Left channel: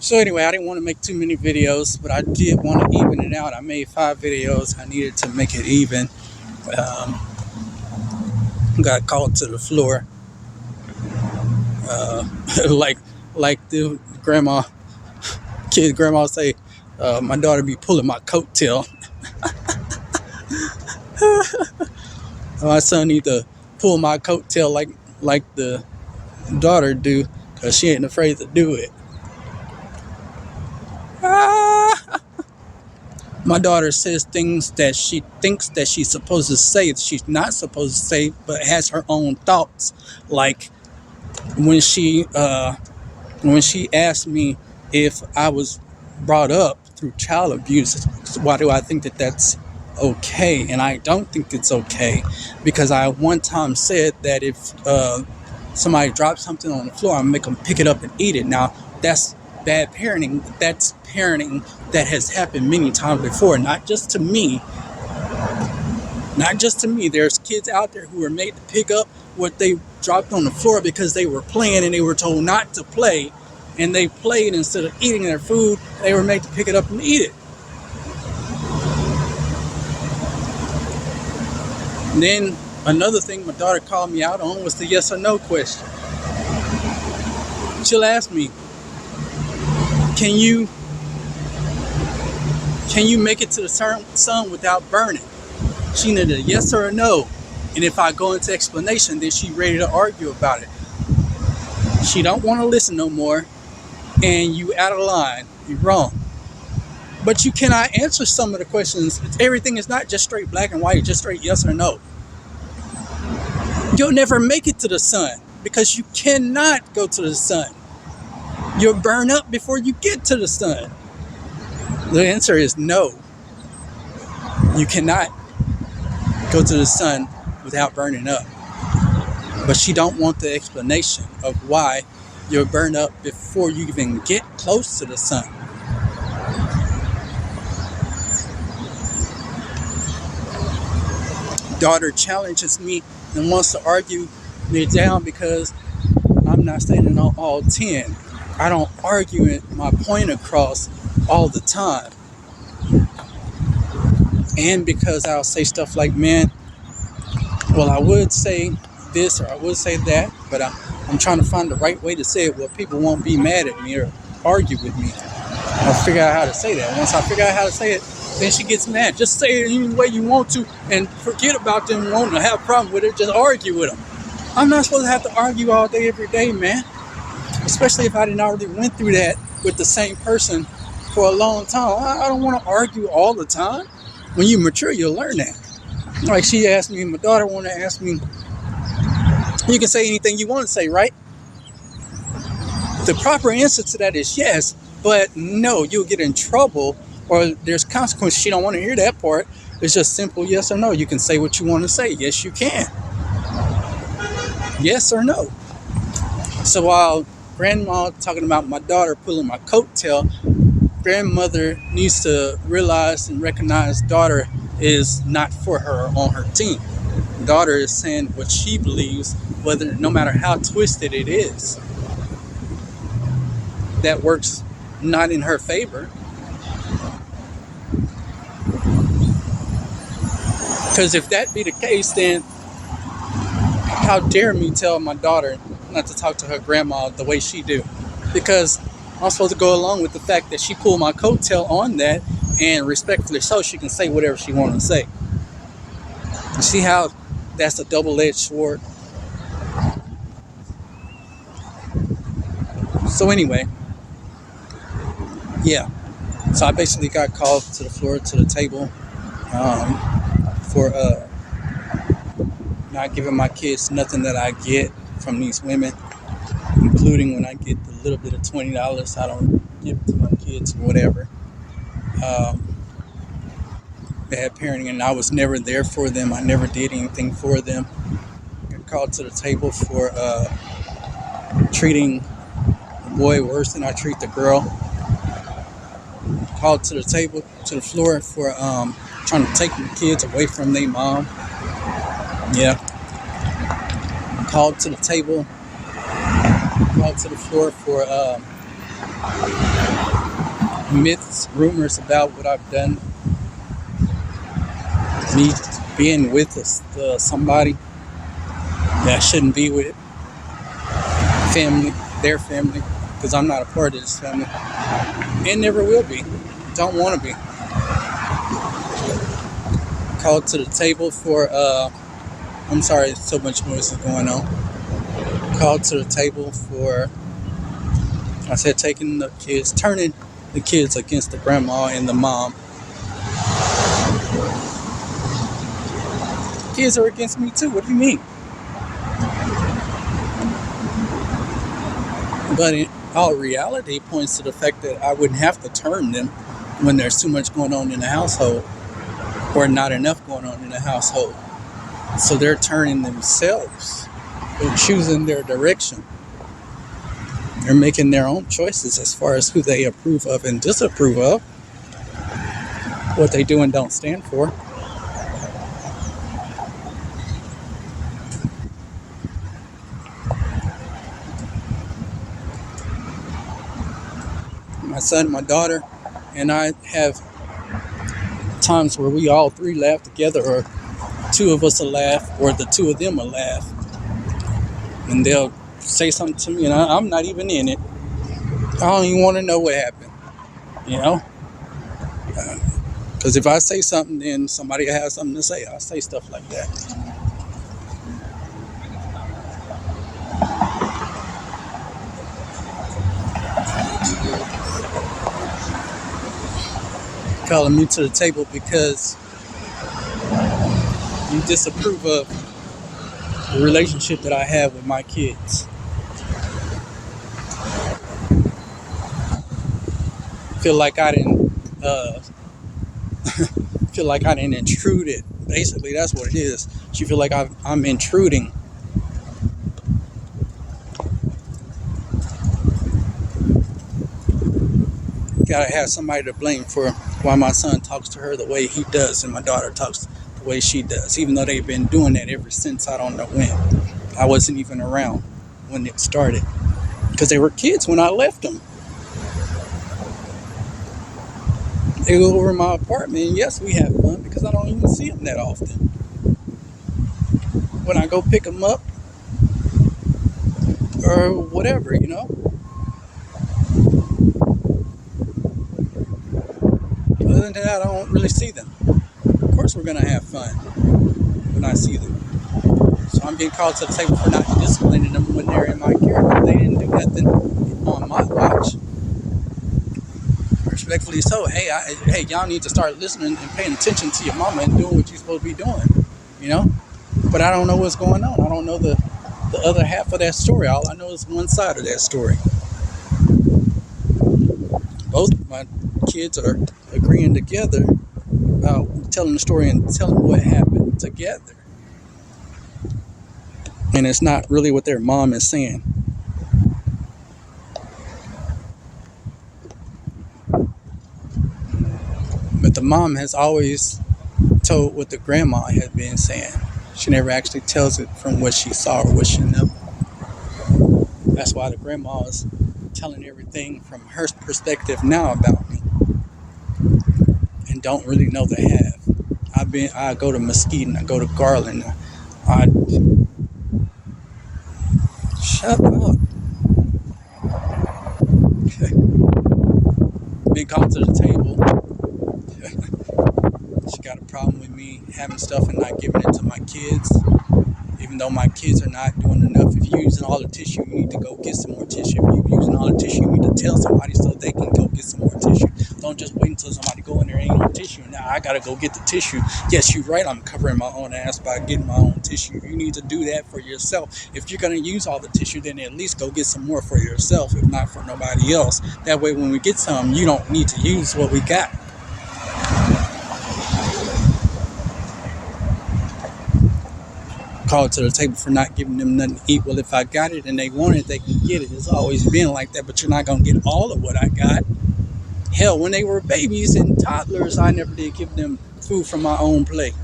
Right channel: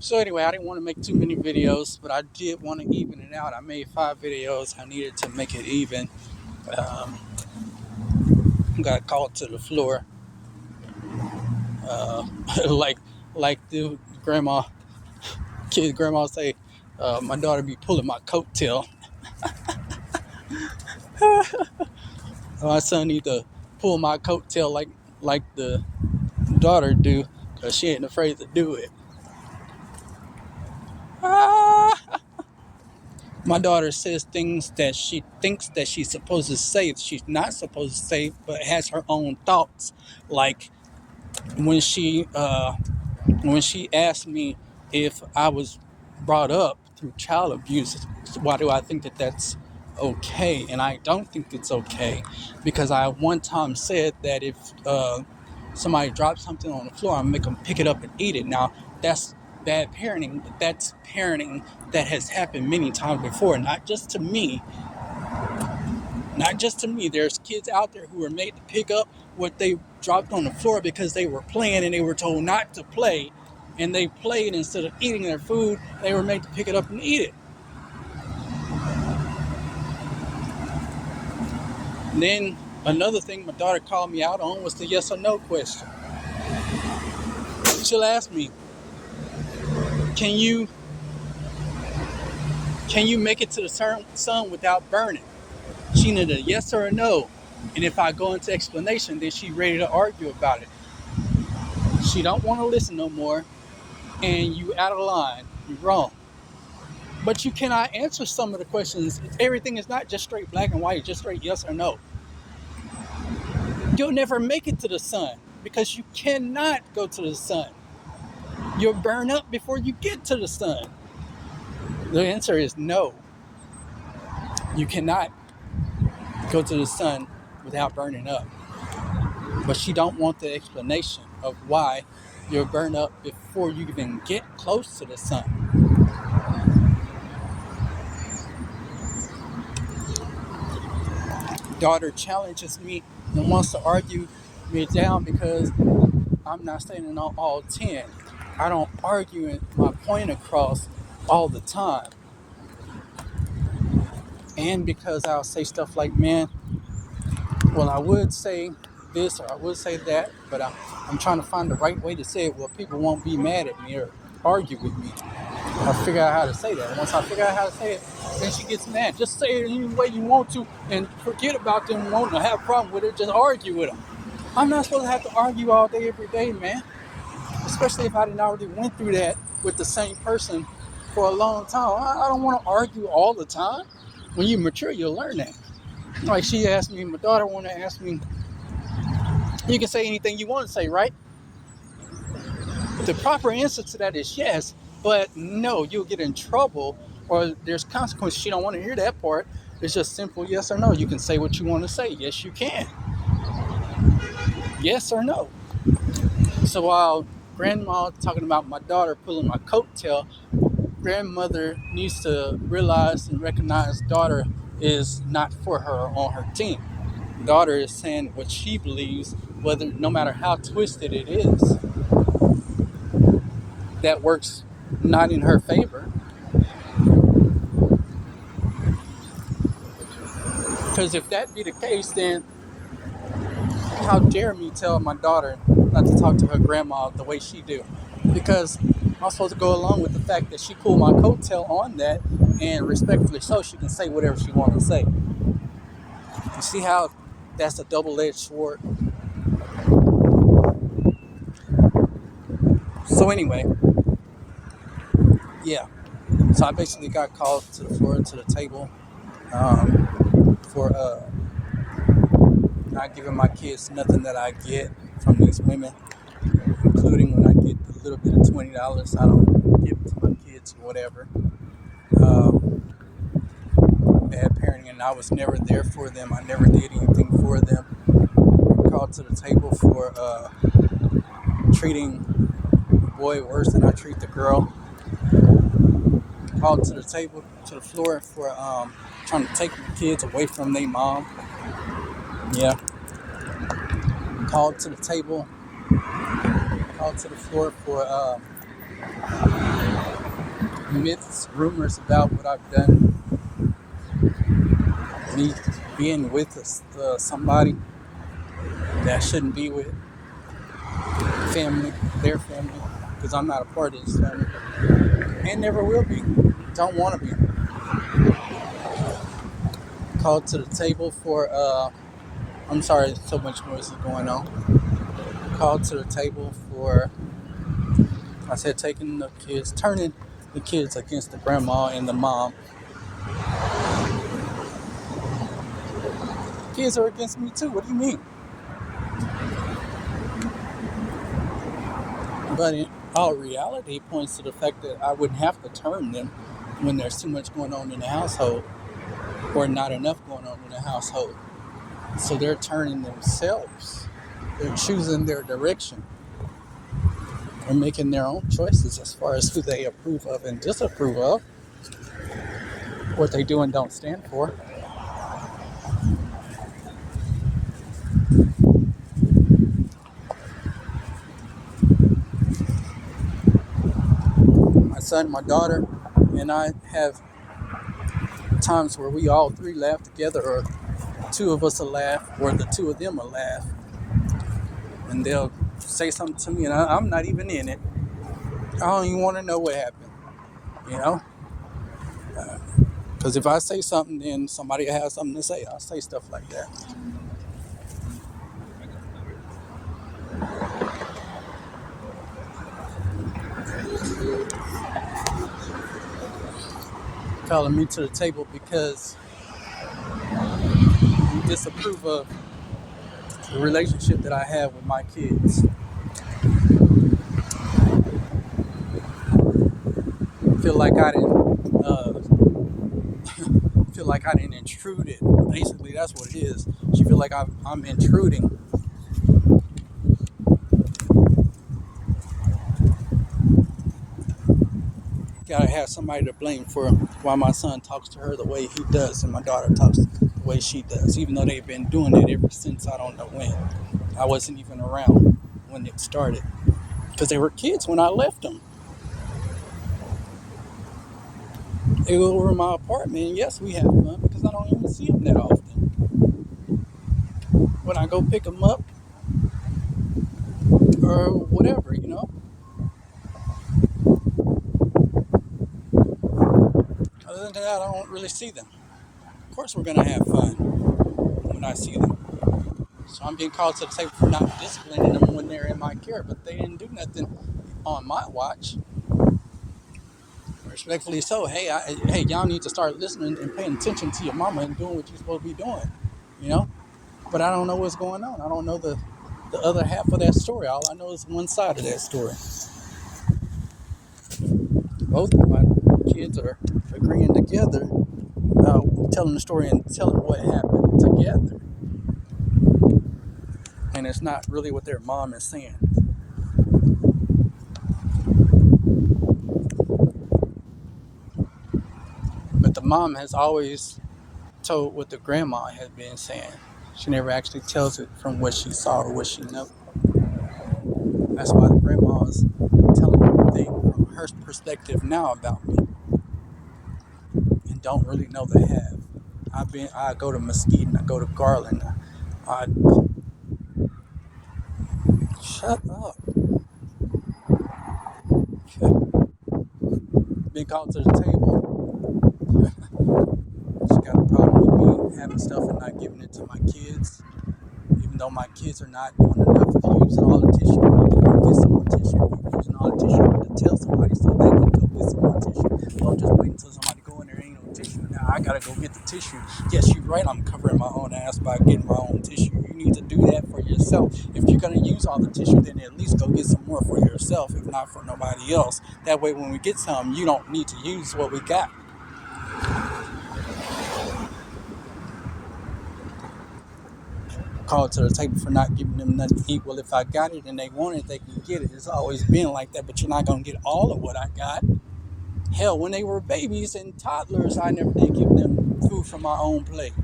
So anyway, I didn't want to make too many videos, but I did want to even it out. I made 5 videos. I needed to make it even. Um, got called to the floor, uh, like the grandma say, my daughter be pulling my coattail. My son need to pull my coattail like the daughter do, cause she ain't afraid to do it. My daughter says things that she thinks that she's supposed to say, she's not supposed to say, but has her own thoughts. Like when she asked me if I was brought up through child abuse, why do I think that that's okay? And I don't think it's okay, because I one time said that if somebody drops something on the floor, I'm gonna make them pick it up and eat it. Now that's bad parenting. That's parenting that has happened many times before, not just to me. Not just to me. There's kids out there who are made to pick up what they dropped on the floor because they were playing and they were told not to play, and they played instead of eating their food. They were made to pick it up and eat it. And then another thing my daughter called me out on was the yes or no question. She'll ask me, can you make it to the sun without burning? She needed a yes or a no. And if I go into explanation, then she's ready to argue about it. She don't want to listen no more, and you out of line. You're wrong. But you cannot answer some of the questions. Everything is not just straight black and white, just straight yes or no. You'll never make it to the sun because you cannot go to the sun. You'll burn up before you get to the sun. The answer is no. You cannot go to the sun without burning up. But she don't want the explanation of why you'll burn up before you even get close to the sun. Daughter challenges me and wants to argue me down because I'm not standing on all 10. I don't argue my point across all the time. And because I'll say stuff like, man, well, I would say this or I would say that, but I'm trying to find the right way to say it where people won't be mad at me or argue with me. I'll figure out how to say that. Once I figure out how to say it, then she gets mad. Just say it any way you want to and forget about them wanting to have a problem with it. Just argue with them. I'm not supposed to have to argue all day, every day, man. Especially if I didn't already went through that with the same person for a long time. I don't want to argue all the time. When you mature, you'll learn that. Like she asked me, my daughter wanted to ask me, you can say anything you want to say, right? The proper answer to that is yes, but no, you'll get in trouble or there's consequences. She don't want to hear that part. It's just simple yes or no. You can say what you want to say. Yes, you can. Yes or no. So while grandma talking about my daughter pulling my coattail, grandmother needs to realize and recognize daughter is not for her on her team. Daughter is saying what she believes, whether no matter how twisted it is. That works not in her favor. Because if that be the case, then how dare me tell my daughter not to talk to her grandma the way she do? Because I'm supposed to go along with the fact that she pulled my coattail on that, and respectfully so, she can say whatever she wants to say. You see how that's a double-edged sword? So anyway, yeah. So I basically got called to the floor, to the table, for not giving my kids nothing that I get from these women, including when I get a little bit of $20, I don't give it to my kids or whatever. Bad parenting, and I was never there for them. I never did anything for them. Got called to the table for treating the boy worse than I treat the girl. Called to the table, to the floor for trying to take the kids away from their mom. Yeah. Called to the table, called to the floor for myths, rumors about what I've done, me being with somebody that I shouldn't be with, family, their family, because I'm not a part of this family, and never will be. Don't want to be. Called to the table for, I'm sorry, so much noise is going on. Called to the table for, I said, turning the kids against the grandma and the mom. Kids are against me too. What do you mean? But in all reality, points to the fact that I wouldn't have to turn them when there's too much going on in the household or not enough going on in the household. So they're turning themselves. They're choosing their direction. They're making their own choices as far as who they approve of and disapprove of, what they do and don't stand for. My son, my daughter, and I have times where we all three laugh together, or two of us will laugh, or the two of them will laugh. And they'll say something to me, and I'm not even in it. I don't even want to know what happened, you know? Because if I say something, then somebody has something to say. I'll say stuff like that. Calling me to the table because you disapprove of the relationship that I have with my kids. Feel like I didn't intrude it. Basically, that's what it is. She feel like I'm intruding. Gotta have somebody to blame for why my son talks to her the way he does and my daughter talks the way she does, even though they've been doing it ever since I don't know when. I wasn't even around when it started because they were kids when I left them. They go over my apartment, and yes, we have fun because I don't even see them that often. When I go pick them up or whatever, you know. Other than that, I don't really see them. Of course, we're gonna have fun when I see them. So I'm being called to the table for not disciplining them when they're in my care. But they didn't do nothing on my watch. Respectfully so. Hey, y'all need to start listening and paying attention to your mama and doing what you're supposed to be doing. You know? But I don't know what's going on. I don't know the other half of that story. All I know is one side of that story. Both of my kids are agreeing together about telling the story and telling what happened together. And it's not really what their mom is saying. But the mom has always told what the grandma had been saying. She never actually tells it from what she saw or what she knew. That's why the grandma is telling everything from her perspective now about me. And don't really know the half. I go to Mesquite and I go to Garland. Shut up. Okay. Been called to the table. She got a problem with me having stuff and not giving it to my kids. Even though my kids are not doing enough. If you're using all the tissue, you need to go get some more tissue. If you're using all the tissue, you need to tell somebody so they can go get some more tissue. Don't just wait until somebody go in there ain't no tissue. Now I gotta go get the tissue. Yes, you're right. I'm covering my own ass by getting my own tissue. You need to do that for yourself. If you're gonna use all the tissue, then at least go get some more for yourself, if not for nobody else. That way, when we get some, you don't need to use what we got. Called to the table for not giving them nothing to eat. Well, if I got it and they want it, they can get it. It's always been like that, but you're not going to get all of what I got. Hell, when they were babies and toddlers, I never did give them food from my own plate.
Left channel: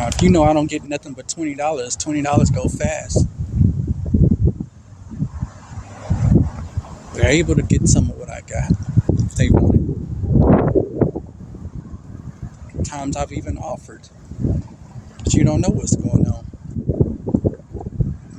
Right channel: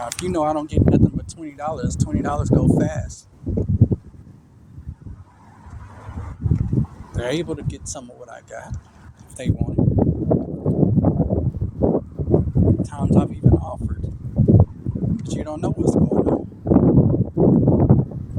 Now, if you know I don't get nothing but $20 go fast. They're able to get some of what I got if they want it. Times I've even offered, but you don't know what's going on.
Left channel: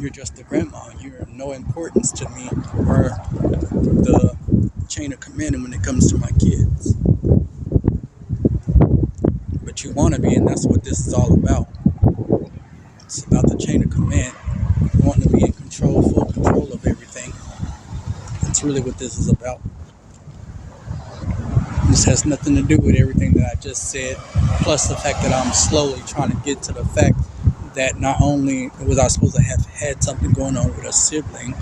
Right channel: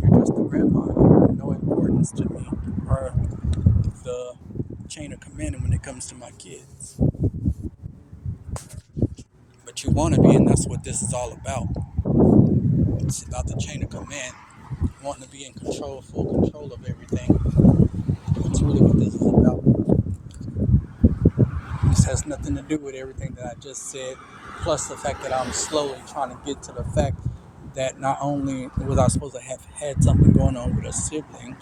You're just the grandma. You're no importance to me or the chain of command when it comes to my kids. But you want to be, and that's what this is all about. It's about the chain of command, wanting to be in control, full control of everything. That's really what this is about. This has nothing to do with everything that I just said, plus the fact that I'm slowly trying to get to the fact that not only was I supposed to have had something going on with a sibling,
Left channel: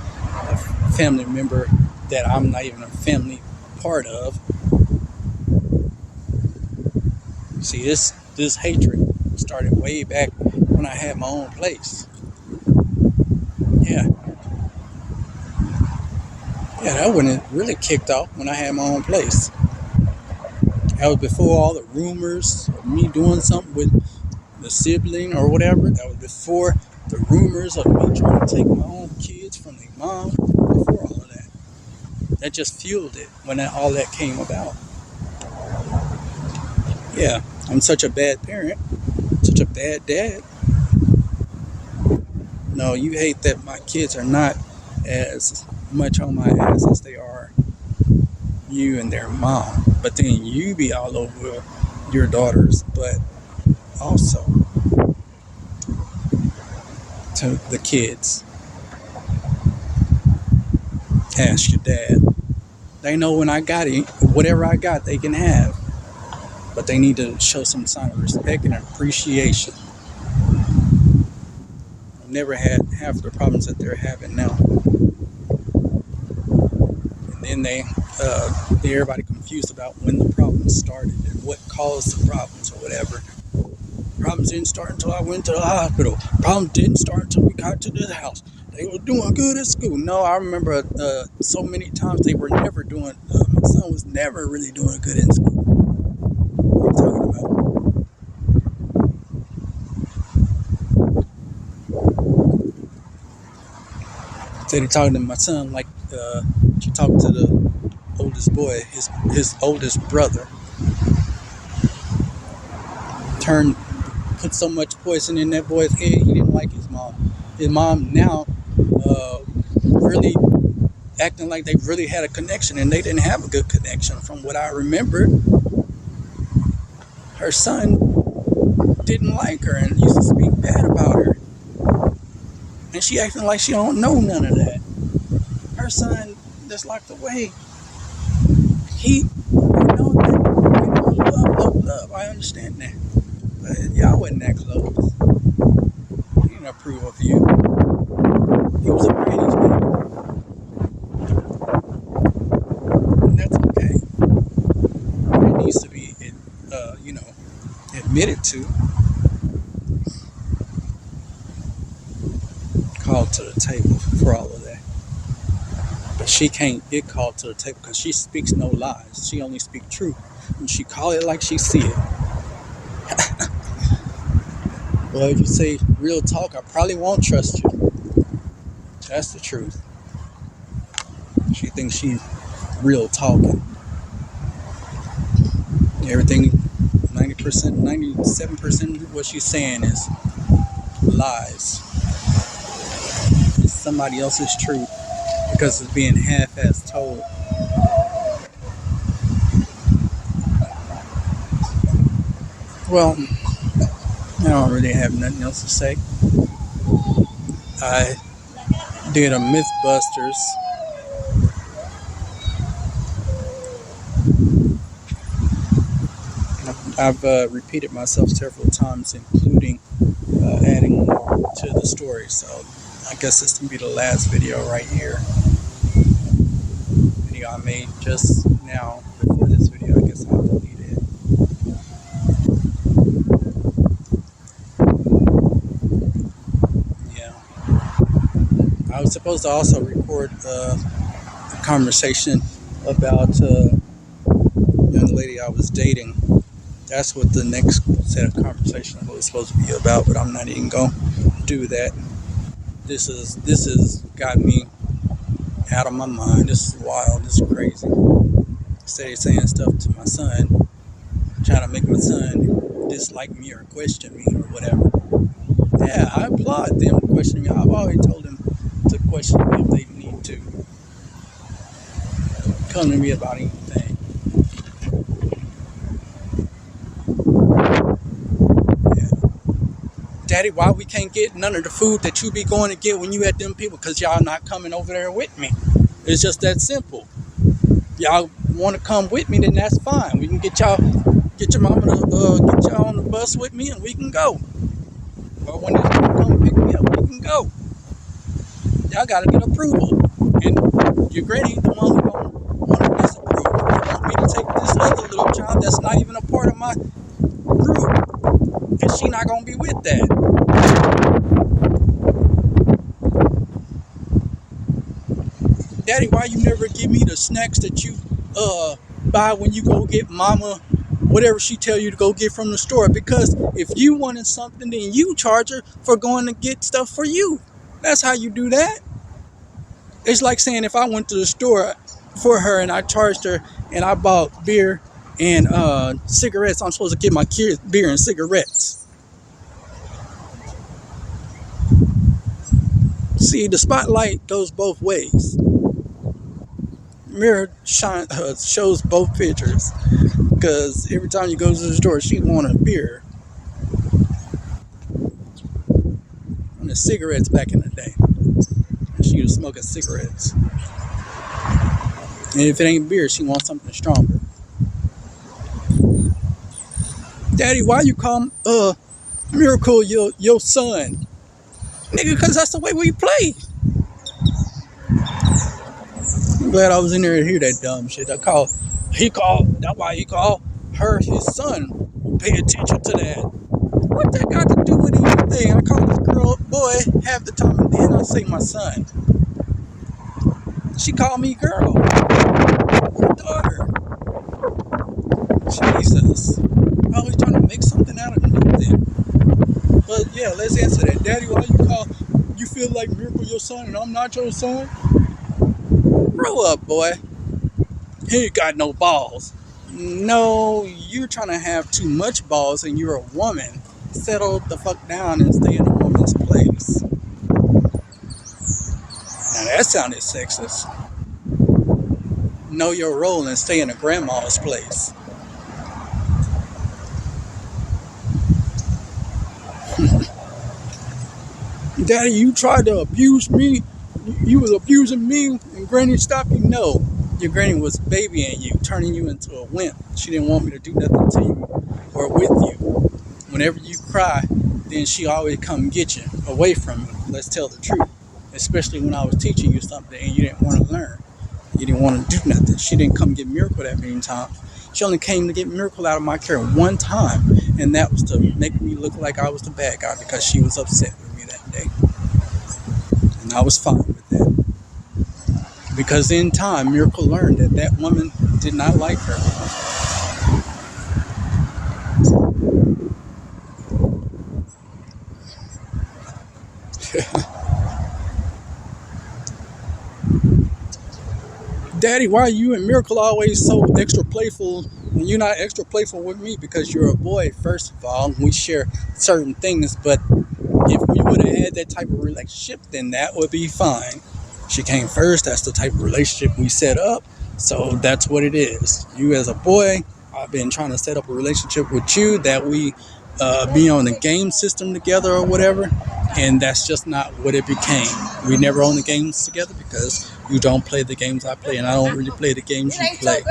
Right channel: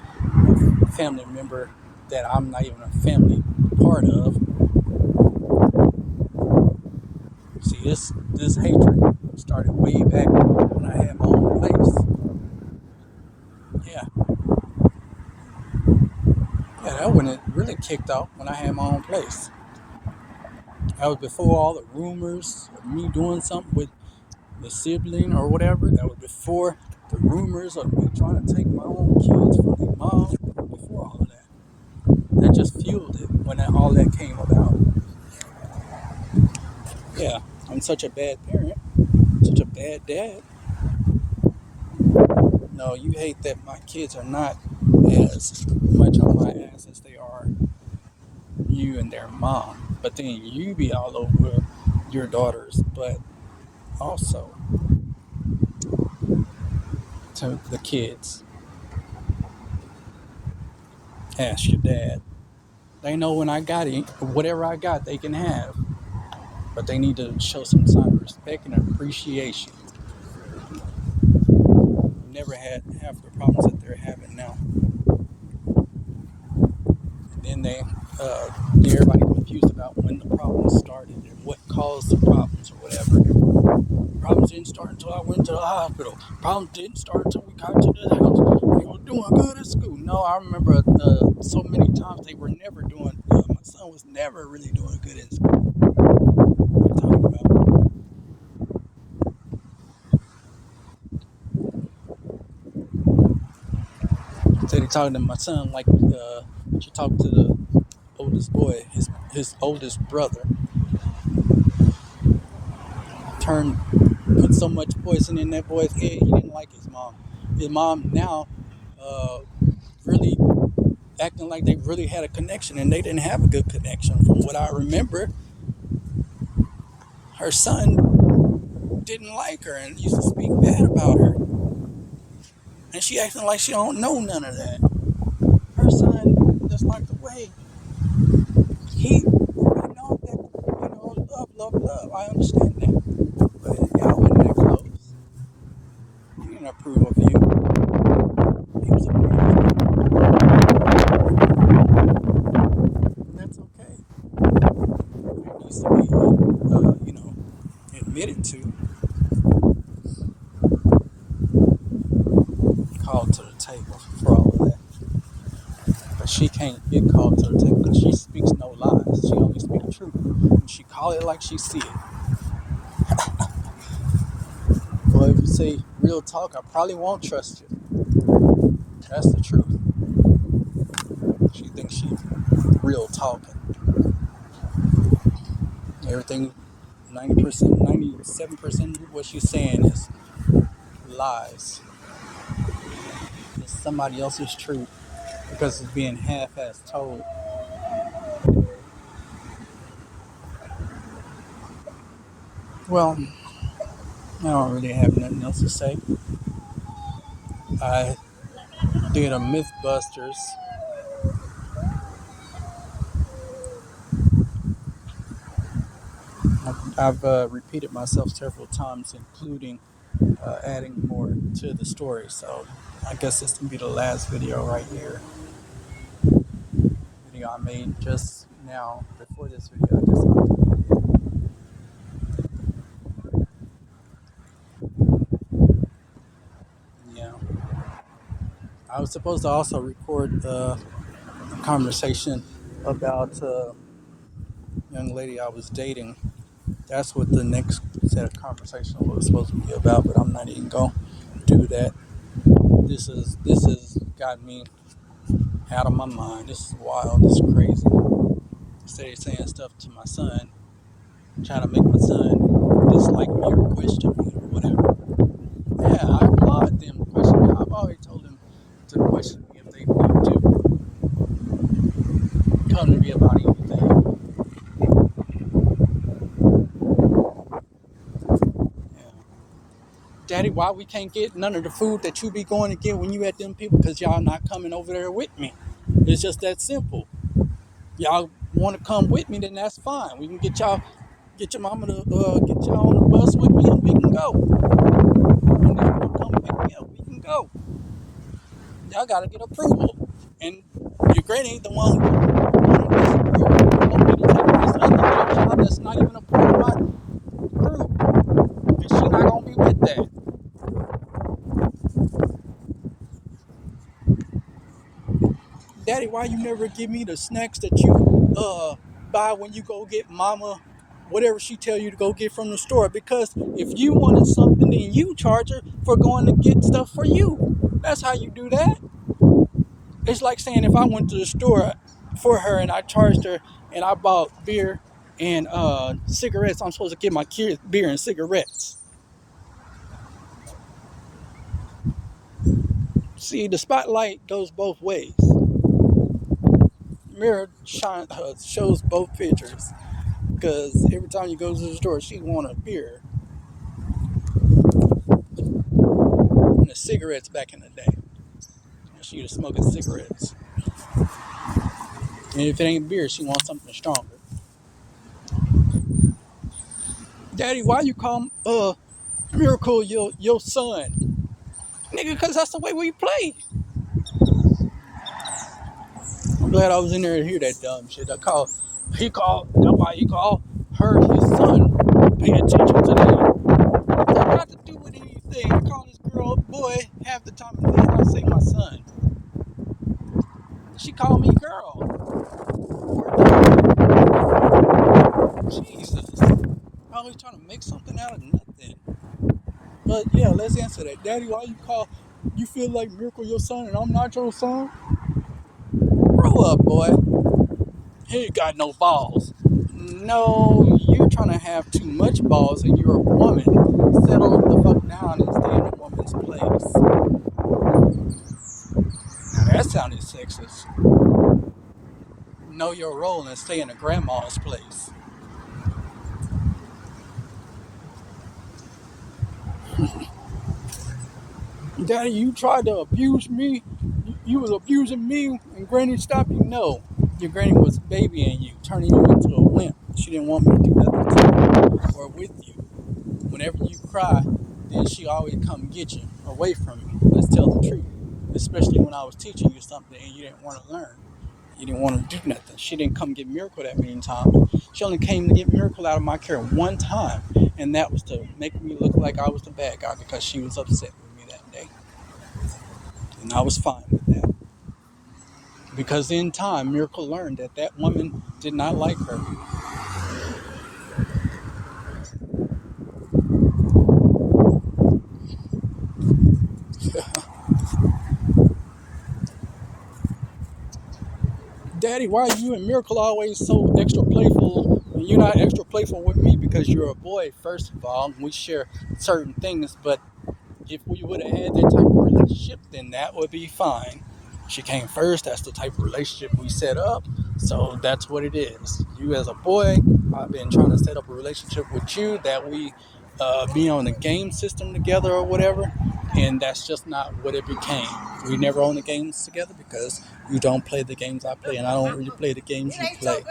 a family member that I'm not even a family part of. See, this hatred started way back when I had my own place. Yeah, that when it really kicked off, when I had my own place. That was before all the rumors of me doing something with the sibling or whatever. That was before the rumors of me trying to take my own kids from their mom. Before all of that. That just fueled it when all that came about. Yeah, I'm such a bad parent. Such a bad dad. No, you hate that my kids are not as much on my ass as they are you and their mom. But then you be all over your daughters, but also to the kids. Ask your dad. They know when I got it, whatever I got, they can have. But they need to show some sign of respect and appreciation. Never had half the problems that they're having now. And then everybody confused about when the problems started and what caused the problems or whatever. Problems didn't start until I went to the hospital. Problems didn't start until we got to the house. They were doing good at school. No, I remember so many times they were never doing. My son was never really doing good in school. What are you talking about? So they're talking to my son like she talked to the oldest boy, his oldest brother. Put so much poison in that boy's head, he didn't like his mom. His mom now really acting like they really had a connection, and they didn't have a good connection. From what I remember, her son didn't like her and used to speak bad about her. And she acting like she don't know none of that. Her son just locked away. Love. I understand that. But y'all wasn't that close. He didn't approve of you. He was a Brady's baby. And that's okay. It needs to be, admitted to. Called to the table for all of that. But she can't get called to the table because she speaks no lies. She only speaks truth. And she call it like she see it. Well, if you say real talk, I probably won't trust you. That's the truth. She thinks she's real talking. Everything, 90%, 97% of what she's saying is lies. It's somebody else's truth because it's being half-ass told. Well, I don't really have nothing else to say. I did a Mythbusters. I've repeated myself several times, including adding more to the story. So I guess this will be the last video right here. Video I made just now before this video. I guess I'll delete it. Yeah. I was supposed to also record a conversation about a young lady I was dating. That's what the next set of conversation was supposed to be about, but I'm not even gonna do that. This is got me out of my mind. This is wild. This is crazy. Instead of saying stuff to my son, trying to make my son dislike me or question me or whatever. Yeah, I applaud them to question me. I've already told them to question me if they need to. Come to me about anything. Yeah. Daddy, why we can't get none of the food that you be going to get when you at them people? Because y'all not coming over there with me. It's just that simple. Y'all want to come with me, then that's fine. We can get your mama to get y'all on the bus with me, and we can go. Or when they come pick me up, we can go. Y'all gotta get approval, and your granny ain't the one who want to disapprove. You want me to take this other little child that's not even a part of my group, and she not gonna be with that. Daddy, why you never give me the snacks that you buy when you go get mama whatever she tell you to go get from the store? Because if you wanted something, then you charge her for going to get stuff for you. That's how you do that. It's like saying if I went to the store for her and I charged her and I bought beer and cigarettes, I'm supposed to get my kids beer and cigarettes. See, the spotlight goes both ways. Mirror shows both pictures, because every time you go to the store, she want a beer and the cigarettes back in the day. She was smoking cigarettes, and if it ain't beer, she wants something stronger. Daddy, why you call Miracle your son? Nigga, because that's the way we play. I'm glad I was in there to hear that dumb shit. That's why he called her his son. Pay attention to that. What that got to do with anything? I call this girl boy half the time, and then I say my son. She called me girl. Jesus. Always trying to make something out of nothing. But yeah, let's answer that. Daddy, why you feel like Miracle your son and I'm not your son? Grow up, boy. He ain't got no balls. No, you're trying to have too much balls and you're a woman. Settle the fuck down and stay in a woman's place. Now that sounded sexist. Know your role and stay in a grandma's place. Daddy, you tried to abuse me. You was abusing me and Granny stopped you. No, your Granny was babying you, turning you into a wimp. She didn't want me to do nothing to you or with you. Whenever you cry, then she always come get you away from you. Let's tell the truth. Especially when I was teaching you something and you didn't want to learn. You didn't want to do nothing. She didn't come get Miracle that many times. She only came to get Miracle out of my care one time, and that was to make me look like I was the bad guy because she was upset with me that day. And I was fine with that. Because in time, Miracle learned that that woman did not like her. Daddy, why are you and Miracle always so extra playful and you're not extra playful with me? Because you're a boy, first of all. We share certain things, but if we would have had that type of relationship, then that would be fine. She came first. That's the type of relationship we set up. So that's what it is. You as a boy, I've been trying to set up a relationship with you that we be on the game system together or whatever. And that's just not what it became. We never own the games together because you don't play the games I play and I don't really play the games you play.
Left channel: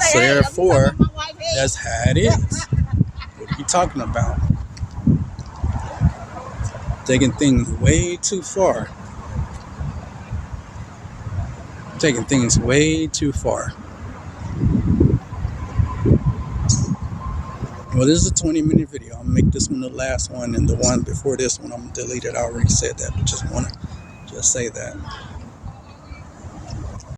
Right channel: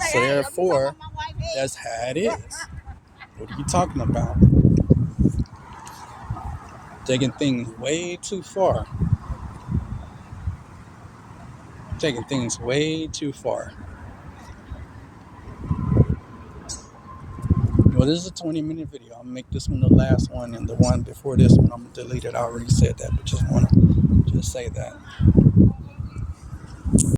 So therefore, that's how it is. What are you talking about? Taking things way too far. Taking things way too far. Well, this is a 20-minute video. I'm gonna make this one the last one, and the one before this one, I'm gonna delete it. I already said that, but just want to say that.